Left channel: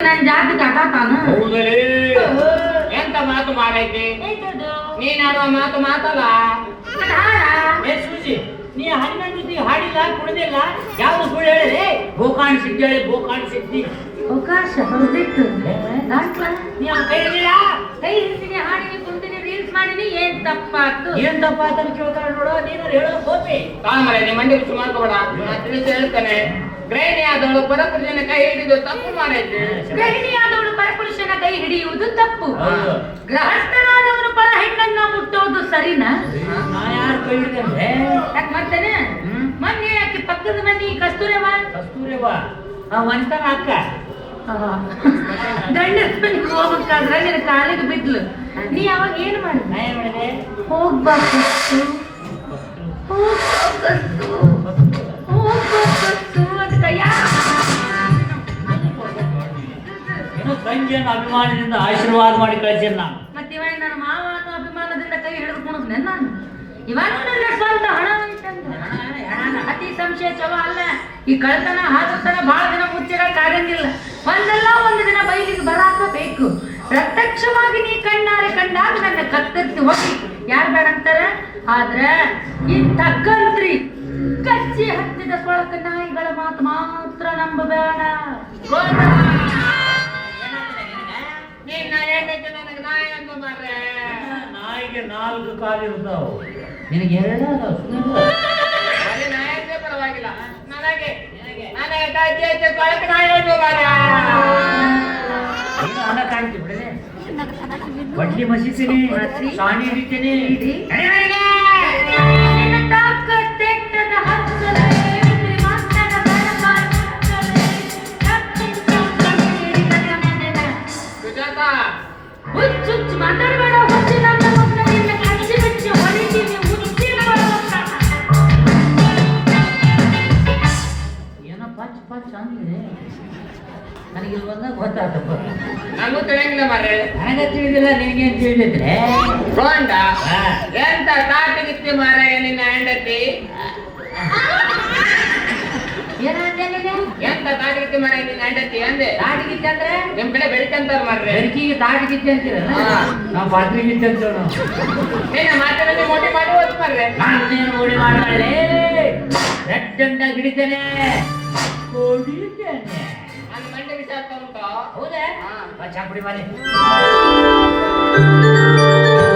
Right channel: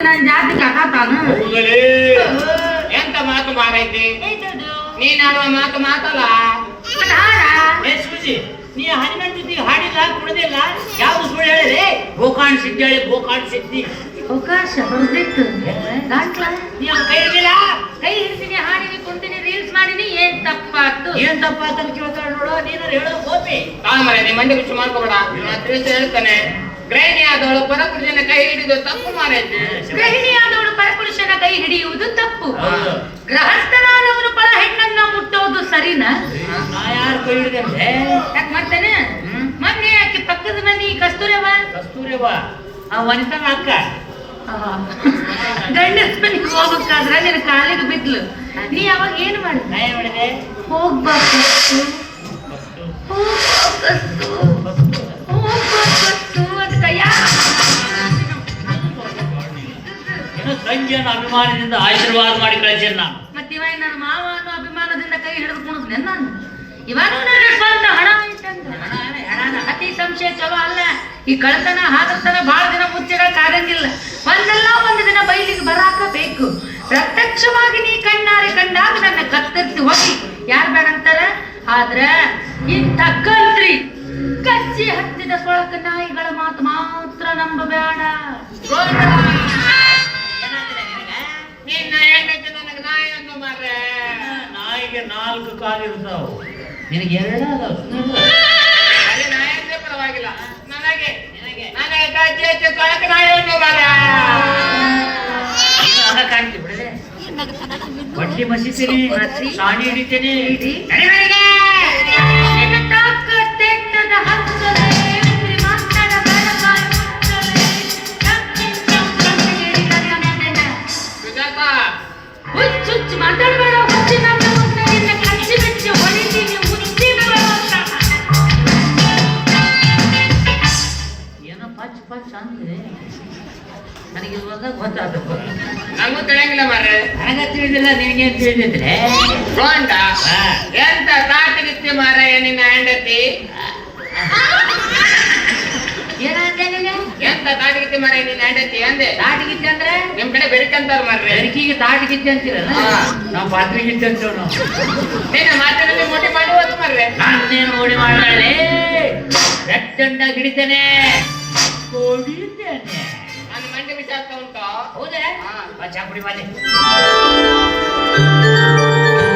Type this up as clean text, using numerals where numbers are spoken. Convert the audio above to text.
ನನ್ನ ಜಾತಿ ಕಥಾತಾನು ಹೌದಲೇ ಎಂತ ಮಾತು ಮಾರೈತಿ ನೀನ್ ಆಡುವ ಮಾತು ಮಾತಲ್ಲ ಏ ಸೂಜಿ ನೀ ಹನುಮನ್ ಜೊತೆ ಹಾಡಿಲ್ಲ ಕುಡಿದಿಲ್ಲ ಯಾವ ಸುಳ್ಳು ಹೇಳಿದೆ ಗೋಕಾಣ್ ಸಿದ್ಧಿ ಹೇಳಿ ಗೋಕಾಣ್ ಸಿದ್ಧಿ ಅವಕಾಶ ಹೊರದಿತ್ತು ನೀವು ಕೈ ಹಿಡಿಲ್ಲ ಕೈ ಹಿಡ್ತೀನಿ ಹಾಡಿನಿ ಕುಂತೀನಿ ರೀಲ್ಸ್ ಮಾಡಿನಿ ಏನ್ ತಪ್ಪಾತು ಏನ್ ತಪ್ಪಾತ ಕೇಳ್ತಾರ ನೋಡು ನೀನು ಹೇಳೋದು ಗೋಪಿ ಕಾಮರೆ ನೀ ಮಂಡಿ ಬಿಚ್ಚು ಮಾಡ್ಕೋಬೇಡ ಇವನ ತಿಳಿಸಿ ಹೇಳ್ತಾನೆ ಗೃಹಿಣಿ ಆದವಳು ಪರಪುರುಷನ ಕೈ ಹಿಡಿದು ತಪ್ಪು ಮಾಡೈತೆ ಗೃಹಿಣಿಯಾದವಳು ಪರಪುರುಷನ ಕೈ ಹಿಡಿಯುವುದು ತಪ್ಪು ಗೃಹಸ್ಥನಾದವನು ಪರ ಹೆಣ್ಣನ್ನ ಮುಟ್ಟೋದು ಸರಿನಾ ನಾ ಯಾರು ಕೈ ಹಿಡಿದೆ ಯಾಕೆ ಮಾಡ್ತೇನೆ ಮೊನ್ನೆ ಆಕೆ ಪಕ್ಕದ ಮನೆ ಕಸ್ತೂರಿಯವ್ವ ಆ ವನಿತಾ ಅಕ್ಕ ಗಂಡನ ಮನೆಗೆ ಹೋಗ್ಬೇಕಾದ್ರೆ ನಿನ್ನ ಕಾಲಿಗೆ ಬಿದ್ಲು ನೀ ಅವಾಗ ಏನು ಮಾಡಿದ ನಾ ಏನ್ ಮಾಡಿದೆ ಹೋಗ್ಬಾರ್ದು ಅಂತ ಏನೋ ತಂಗಿಯನ್ನು ಅಭಿಮಾನದಿಂದ ಆಶೀರ್ವಾದ ಮಾಡಿ ಕಳಿಸಿರ್ ನಾನು ಮತ್ತೆ ಇವಾಗ ನನ್ನ ಮಾವ ಅನ್ನೋ ಅಭಿಮಾನದಿಂದ ಕೈ ಹಿಡಿದುಕೊಂಡು ನಾನು ಇವಾಗ ನನ್ನ ಸ್ವಂತ ಹಣ ಅತಿ ಸಂಶಯ ಚವ ಅಲ್ಲ ಈ ಕಳ್ತನ ಹಾಗತನ ಬಹಳ ದಿನ ಮುಚ್ಚಿಡಕ್ಕಾಗಂಗಿಲ್ಲ ಒಂದಲ್ಲ ಒಂದು ದಿನ ಬೈಲಿಗೆ ಬರಾಕಬೇಕು ಪ್ರತ್ಯಕ್ಷವಾಗಿ ನೀ ಕಣ್ಣಾರೆ ಕಂಡಾಗ ನನ್ನ ಕತ್ತರಿಸಿ ಹೋಗಿ ಯಾರು ಬೇಡ ಅಂತಾರ ಆದ್ರ ಇಂಥ ಕಂತ್ರಿ ಕಚ್ಚಿ ಹತ್ತಿದ ಸೊಳಕ ನಾಯಿಗಳ ಮಾತು ಮಾತ್ರ ನಂಬಬೇಡ ನಾಯಿಗೆ 4 ಕಾಲು ಇರ್ತಾವ ನಿನಗೆ 2 ಅದಾವ ಪರವಾಗಿಲ್ಲ ನನಗೆ ಕಳಕ ನಾಯಿ ಕಾಣ್ತಿ ಬಿಡಲೆ ಬಡ್ಡಿ ಮಸಿತೀನಿ ಸಾಣಿ ಹಿಡಿತೀನಿ ಮಾತಾಡಬೇಡ ಪಚ್ ಅಂದ್ರೆ ನನಗೆ ಇವಾಗ ಗೊತ್ತಾಗ್ತಪ್ಪ ನನಗೂ ತಿಳಿಯಂಗಿಲ್ಲ ಮಾರ್ರೆ ನನಗೆ ತಿಳಿದಿಲ್ಲ ನಿನಗೆ ತಿಳಿದಿದ್ರೆ ಗೋಂಡ ಎಂತ ಕಾಟಿಗಿತ್ತಿ ಮಾರ್ರೆ ನಿನ್ನ ಹೆಂಡತಿ ಏನಂದೆ ನೀನು ಎಂತ ತಾಟಿಗಿತ್ತಿ ಮಾರ್ರೆ ನಿನ್ನ ಹೆಂಡತಿ ಅಂದೆ ತಾಟಿಗಿತ್ತೆ ಅಂದ್ರೆ ನಿಮ್ ಕಡೆ ಬೆಳಕಂತಾರ ಮಾರ್ರೆ ಬೆಳಕಿಗೆ ತಾಟಿಗಿತ್ತೆ ಅಂತೀರಲ್ಲ ನಾವು ಪಾತ್ರಿಗಿತ್ತೆ ಅಂತೇವ್ ನಾವು ನೀನು ಮಾತಿನಲ್ಲಿ ಮೋಟಿ ಮಾಡುವುದು ಮಾರ್ರೆ ನಾನೇನು ಓಡಿ ಮಾಡಲೇ ರಟ್ಟಂಡ ಹಿಡಿತೇನೆ ಹೊಡಿತೇನೆ ನನ್ನ ಮಂಡಿ ವಿಚಾರ ಉಂಟು ಹೌದಾ ಚಾಪುಡಿ ಮಾಡಿ